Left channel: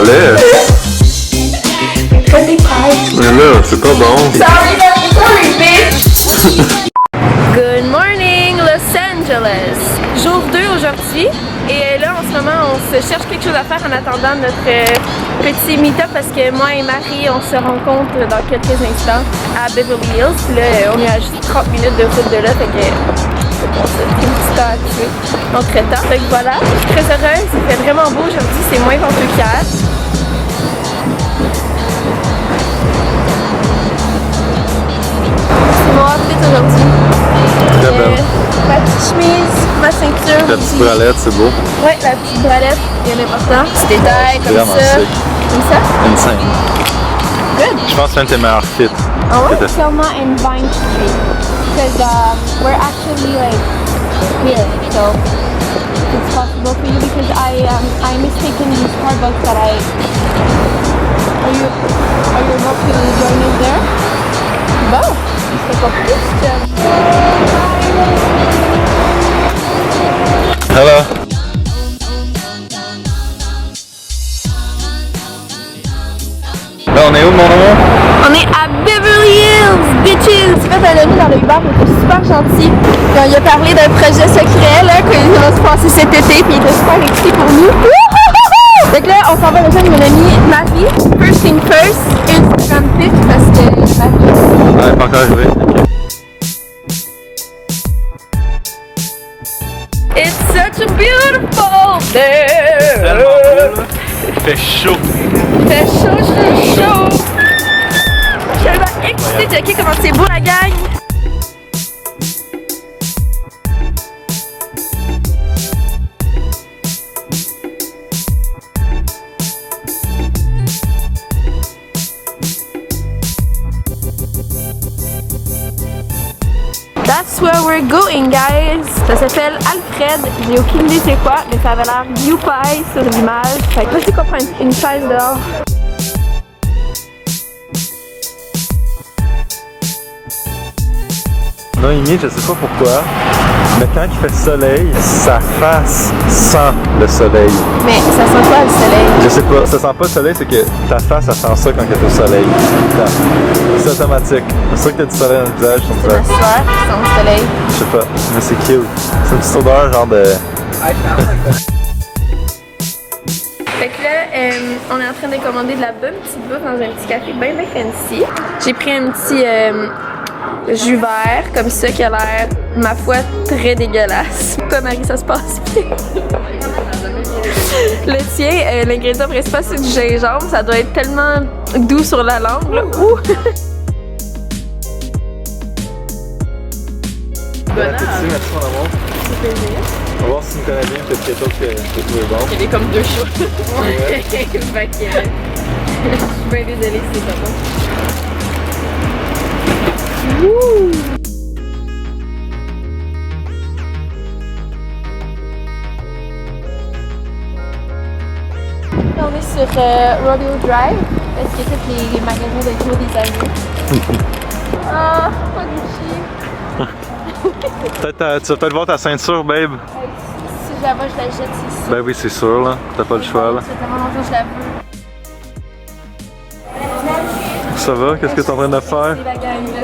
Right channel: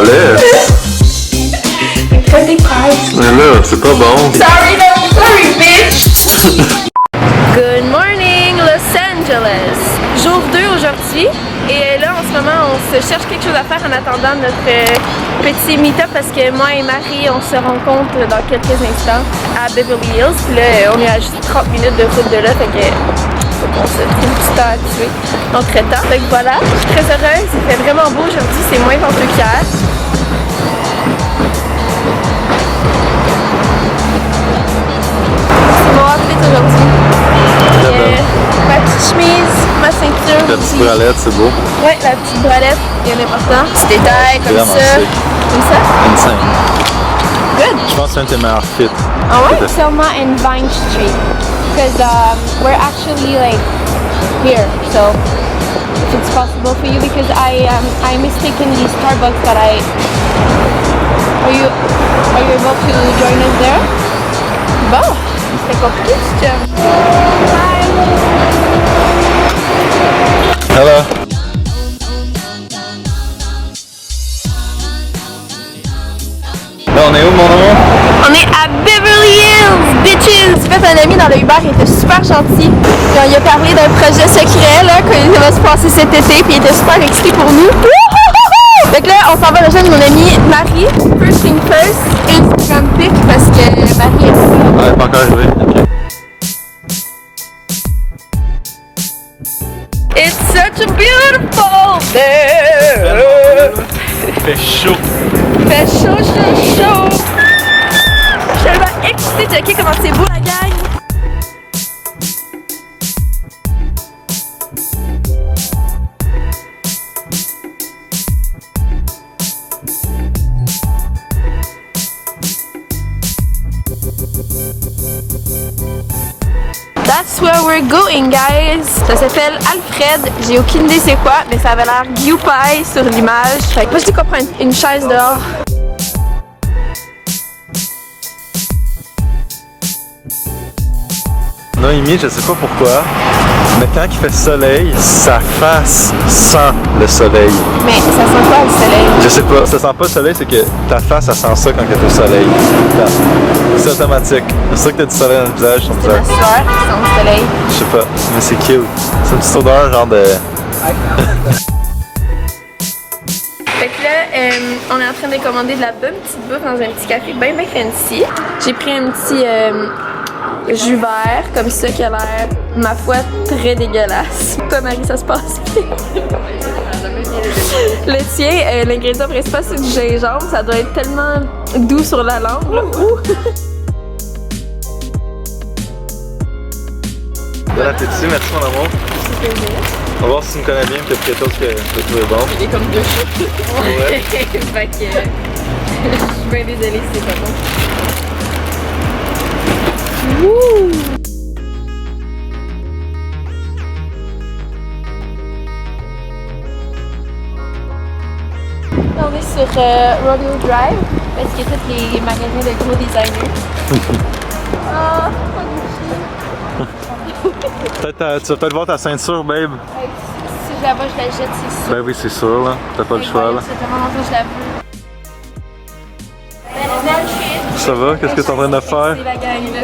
balai. Pretty pies. Mais là, c'est pas bon. Sorry, bitch! Good morning, Los Angeles! Jour 2 aujourd'hui. Et là, en ce moment, on se cherche quelque chose à faire en attendant notre petit meet-up parce que moi et Marie, on se rencontre dans quelques instants à Beverly Hills. Puis là, on est à juste 30 minutes de route de là, fait que on se fait un petit temps à tuer entre-temps. Fait que voilà, je suis très heureuse. Il fait vraiment beau aujourd'hui, c'est moins venteux qu'hier. C'est mon outfit aujourd'hui. Très belle. Ma petite chemise, ma ceinture. La petite bralette, c'est beau. Ouais, la petite bralette, bien important. Petit détail comme Vraiment ça. sick. Comme ça. Insane. Good. Je pense que c'est un de tes meilleurs fits. Ah ouais? Selma and Vine Street. Because we're actually like here, so if it's possible for you because I mistaken the Starbucks that I. Are you able to join us there? Bon, c'est compliqué, ce job. Hello. Là, on est où, mon amour? On est à Beverly Hills, bitches! J'ai fait un ami dans le Uber, il était super gentil. Puis on lui a parlé d'un projet secret là, qui va se passer cet été, puis il était super excité pour nous. Fait que là, on s'en va rejoindre mon amie Marie. First thing first, Instagram pic parce que Marie est Ah, elle est pas encore arrivée. Ok. It's such a beautiful day! Il fait chaud. Il fait chaud, chaud, chaud! Je suis tellement excitée de checker comment c'est beau la gang! That's where we're going, guys! Ça s'appelle Alfred. J'ai aucune idée c'est quoi, mais ça avait l'air Gyupai sur l'image. Fait que moi je dis qu'on prend une chaise dehors. Noémie, je sais pas pourquoi, mais quand il fait soleil, sa face sent le soleil. Mais ça sent quoi le soleil? Je sais pas, ça sent pas le soleil, c'est que ta face, ça sent ça quand il est au soleil. C'est automatique. C'est sûr que t'as du soleil dans le visage, C'est ma sueur qui sent le soleil. Je sais pas, mais c'est cute. C'est une petite odeur genre de... Fait que là, on est en train de commander de la bonne petite bouffe dans un petit café bien fancy. J'ai pris un petit jus vert comme ça qui a l'air, ma foi, très dégueulasse. Toi, Marie, ça se passe bien? Le tien, l'ingrédient principal, c'est du gingembre. Ça doit être tellement doux sur la langue. Là. Ouh. Bon appétit, merci mon amour. On va voir si tu me connais bien, peut-être quelque chose que je trouver bon. Il est comme deux choses. Ouais. Fait que je suis bien désolée si c'est pas bon. Wouh! On est sur Rodeo Drive parce qu'il y a tous les magasins de gros designers. Ah, pas Gucci. Peut-être tu vas peut-être voir ta ceinture, babe. Si je la vois, je la jette, c'est sûr. Ben oui, c'est sûr, là. T'as pas le choix, là. Ça fait tellement longtemps que je la veux. Ça va? Qu'est-ce que t'es en train de faire? C'est la gang, là.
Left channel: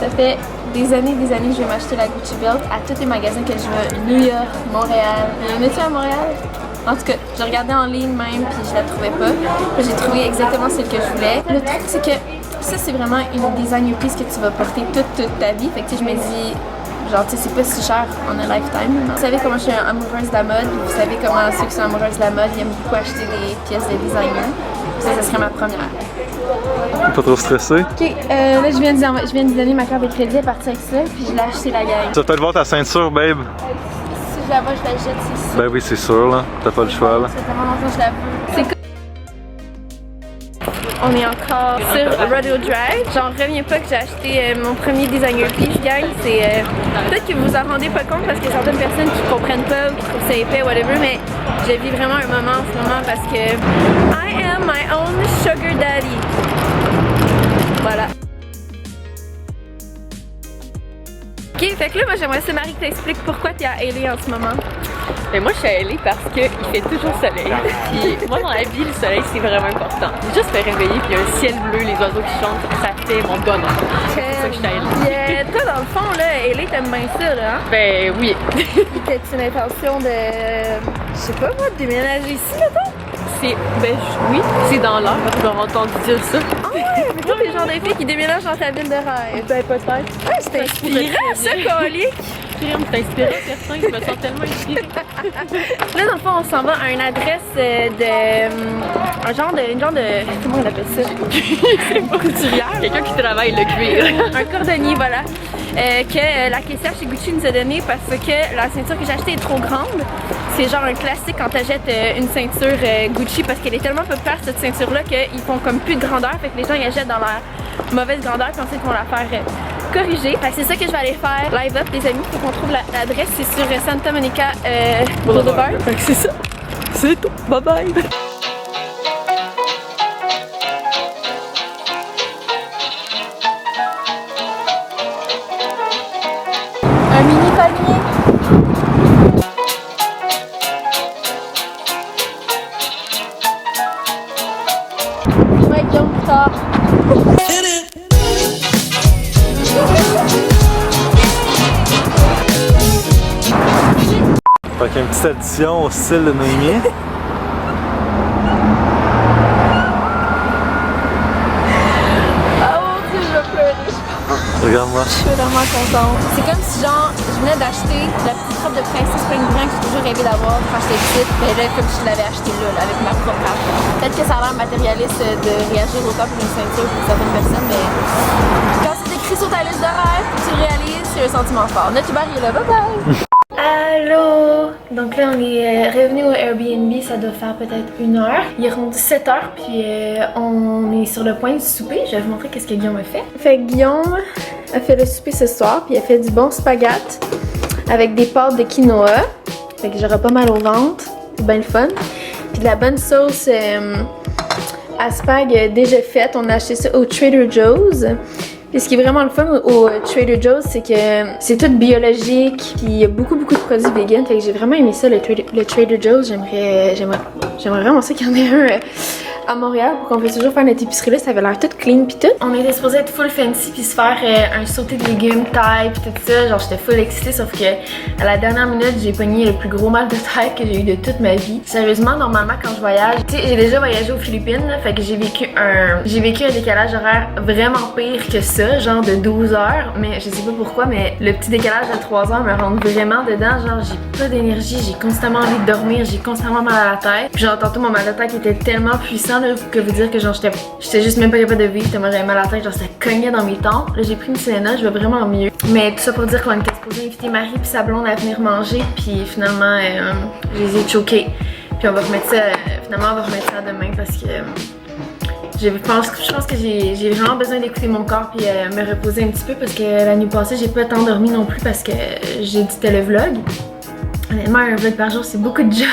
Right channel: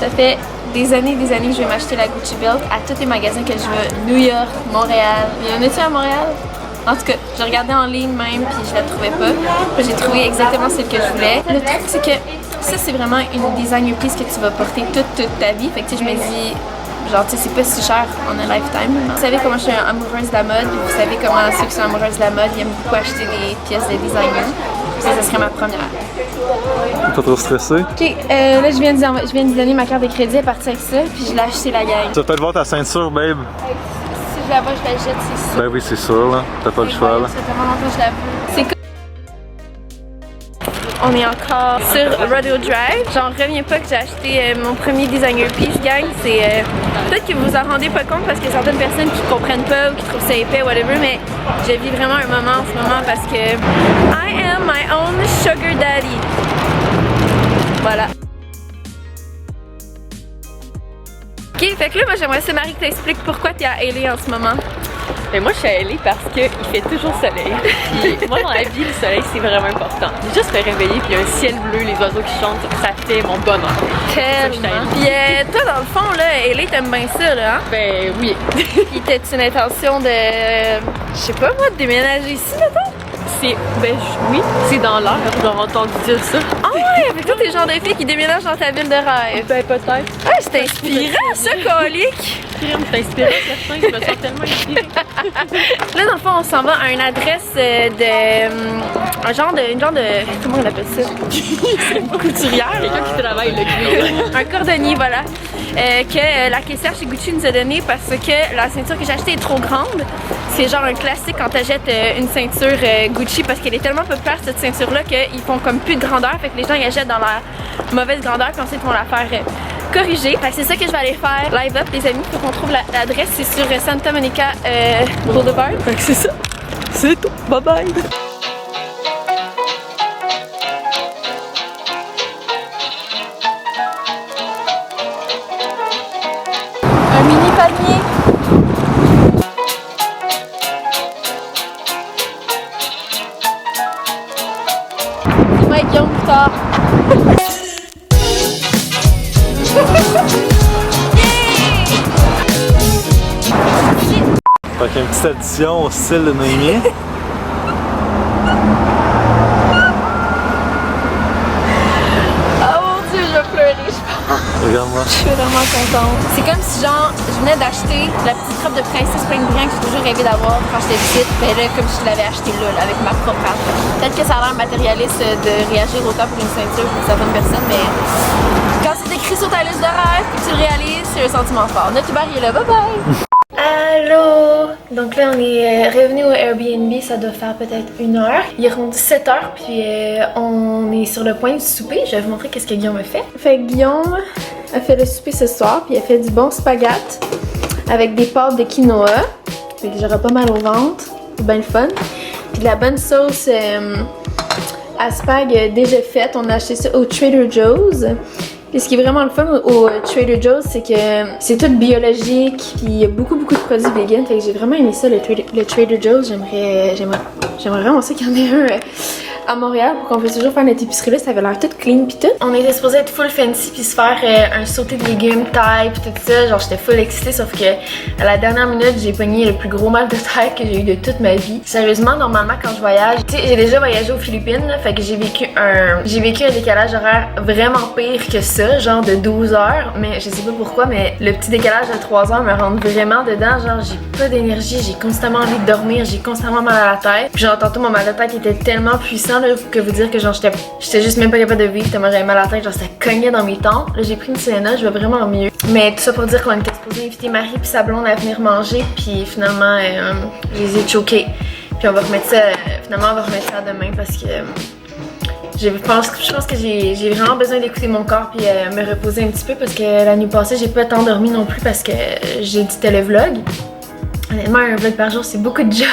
Ça fait des années que je vais m'acheter la Gucci Belt à tous les magasins que je veux. New York, Montréal. Il y en a-tu à Montréal? En tout cas, j'ai regardé en ligne même puis je la trouvais pas. Puis j'ai trouvé exactement celle que je voulais. Le truc, c'est que ça, c'est vraiment une designer piece que tu vas porter toute ta vie. Fait que tu sais, je me dis, genre, tu sais, c'est pas si cher en a lifetime. Vous savez comment je suis amoureuse de la mode. Vous savez comment ceux qui sont amoureuses de la mode, ils aiment beaucoup acheter des pièces de designer. Ça serait ma première. Pas trop stressé? Ok, là, je viens de lui donner ma carte de crédit à partir avec ça, puis je l'ai acheté la gang. Tu vas peut-être voir ta ceinture, babe. Si je la vois, je la jette, c'est sûr. Ben oui, c'est sûr, là. T'as pas le choix, là. Ça fait tellement longtemps que je la veux. C'est On est encore sur Rodeo Drive. J'en reviens pas que j'ai acheté mon premier designer piece, gang. C'est peut-être que vous vous en rendez pas compte parce qu'il y a certaines personnes qui comprennent pas ou qui trouvent ça épais, whatever, mais je vis vraiment un moment en ce moment parce que I am my own sugar daddy. Voilà. Ok, fait que là, moi j'aimerais ça, Marie, que t'expliques pourquoi t'es à LA en ce moment. Mais moi, je suis à LA parce qu'il fait toujours soleil. Puis moi, dans la vie, le soleil, c'est vraiment important. Juste me réveiller, puis un ciel bleu, les oiseaux qui chantent, ça fait mon bonheur. Puis toi, dans le fond, là, LA, t'aimes bien ça, là, hein? Ben oui. Puis t'as-tu une intention de, je sais pas moi, de déménager ici, mettons? Oui, c'est dans l'air, j'ai entendu dire ça. Ah ouais, avec toi, t'es le genre de fille qui déménage dans ta ville de rêve. Ben peut-être. Ah, c'est inspirant, ça, colique! C'est inspirant, certain, je me sens tellement inspirée. Là, dans le fond, on s'en va à une adresse une genre de, comment on appelle ça? Une couturière. Quelqu'un qui travaille le cuir. Un cordonnier, voilà. Que la caissière chez Gucci nous a donné parce que la ceinture que j'ai achetée est trop grande. C'est genre un classique quand t'achètes une ceinture Gucci parce qu'elle est tellement populaire cette ceinture-là qu'ils font comme plus de grandeur. Fait que les gens y achètent dans la mauvaise grandeur puis ensuite ils vont la faire corriger. Fait que c'est ça que je vais aller faire live up les amis. Faut qu'on trouve l'adresse. C'est sur Santa Monica Boulevard. Fait que c'est ça. C'est tout. Bye bye. Un mini panier. Ouais, Guillaume, plus tard. Fait qu'il y a une petite addition au style de Noémie. Oh mon dieu, je vais pleurer, je pense. Regarde-moi. Je suis vraiment contente. C'est comme si genre, je venais d'acheter la petite robe de princesse plein de brillant que j'ai toujours rêvé d'avoir quand j'étais petite. Mais là, comme je l'avais acheté là, avec ma propre argent. Peut-être que ça a l'air matérialiste de réagir autant pour une ceinture pour certaines personnes, mais quand c'est écrit sur ta liste de rêves et que tu le réalises, c'est un sentiment fort. Notre Uber il est là, bye bye! Allô! Donc là, on est revenu au Airbnb, ça doit faire peut-être 1 heure. Il est rendu 7 heures, puis on est sur le point du souper. Je vais vous montrer qu'est-ce que Guillaume a fait. Fait que Guillaume a fait le souper ce soir, puis il a fait du bon spaghetti avec des pâtes de quinoa. Fait que j'aurai pas mal au ventre. C'est bien le fun. Puis de la bonne sauce à spag déjà faite. On a acheté ça au Trader Joe's. Puis ce qui est vraiment le fun au Trader Joe's, c'est que c'est tout biologique, puis il y a beaucoup de produits vegan. Fait que j'ai vraiment aimé ça, le Trader Joe's. J'aimerais vraiment ça qu'il y en ait un à Montréal pour qu'on puisse toujours faire notre épicerie là. Ça avait l'air tout clean puis tout. On était supposé être full fancy puis se faire un sauté de légumes, taille puis tout ça. Genre j'étais full excitée, sauf que à la dernière minute, j'ai pogné le plus gros mal de tête que j'ai eu de toute ma vie. Sérieusement, normalement quand je voyage, tu sais, j'ai déjà voyagé aux Philippines, là, fait que j'ai vécu un décalage horaire vraiment pire que ça, genre de 12 heures. Mais je sais pas pourquoi, mais le petit décalage de 3 heures me rentre vraiment dedans. Genre j'ai pas d'énergie, j'ai constamment envie de dormir, j'ai constamment mal à la tête. Puis genre tantôt mon mal de tête était tellement puissant là, que vous dire que genre j'étais juste même pas capable de vivre tellement j'avais mal à la tête, genre ça cognait dans mes tempes. Là j'ai pris une Selena, je vais vraiment mieux. Mais tout ça pour dire qu'on était supposé inviter Marie puis sa blonde à venir manger, puis finalement je les ai choqués. Puis on va remettre ça, finalement on va remettre ça demain parce que je pense que j'ai vraiment besoin d'écouter mon corps puis me reposer un petit peu parce que la nuit passée j'ai pas tant dormi non plus parce que j'éditais le vlog. Honnêtement un vlog par jour c'est beaucoup de job.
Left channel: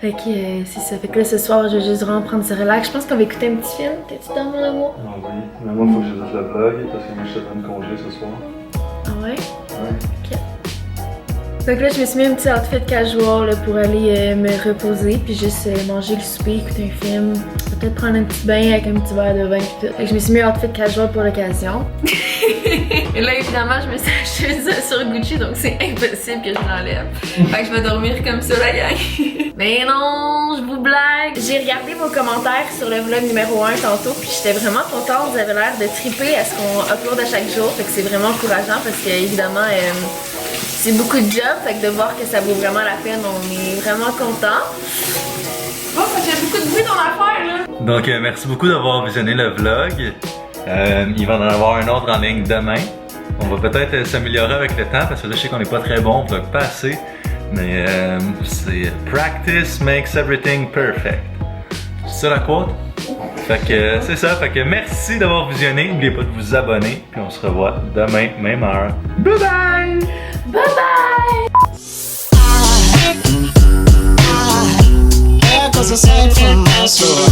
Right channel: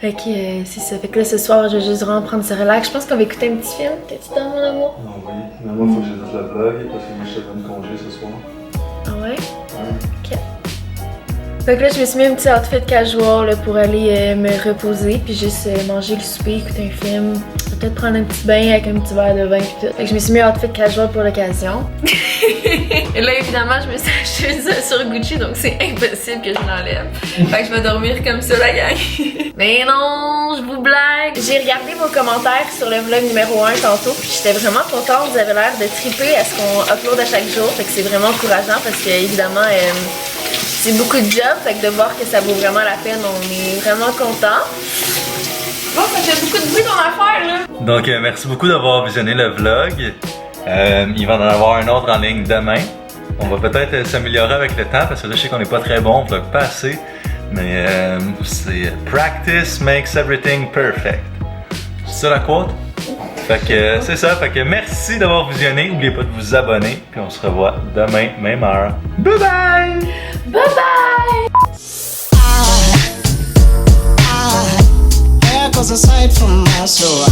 Fait que c'est ça. Fait que là ce soir je vais juste vraiment prendre ce relax. Je pense qu'on va écouter un petit film. T'es-tu dans mon amour? Ah oui, mais moi il faut que je fasse le vlog parce que moi je te prends congé ce soir. Ah ouais? Ouais. Ok. Fait que là je me suis mis un petit outfit casual là, pour aller me reposer puis juste manger le souper, écouter un film. Peut-être prendre un petit bain avec un petit verre de vin et tout. Fait que je me suis mis un outfit casual pour l'occasion. Et là évidemment je me suis acheté ça sur Gucci donc c'est impossible que je l'enlève. Fait que je vais dormir comme ça la gang. Mais non, je vous blague. J'ai regardé vos commentaires sur le vlog numéro 1 tantôt puis j'étais vraiment contente. Vous avez l'air de triper à ce qu'on upload à chaque jour. Fait que c'est vraiment encourageant parce que évidemment c'est beaucoup de job. Fait que de voir que ça vaut vraiment la peine, on est vraiment contents. Bon, ça fait beaucoup de bruit ton affaire là. Donc merci beaucoup d'avoir visionné le vlog. Il va en avoir un autre en ligne demain. On va peut-être s'améliorer avec le temps parce que là je sais qu'on n'est pas très bon, on vlog pas assez. Mais c'est practice makes everything perfect. C'est ça la quote? Fait que c'est ça, fait que merci d'avoir visionné. N'oubliez pas de vous abonner. Puis on se revoit demain, même heure. Bye bye! Bye bye! There goes a sight from my soul.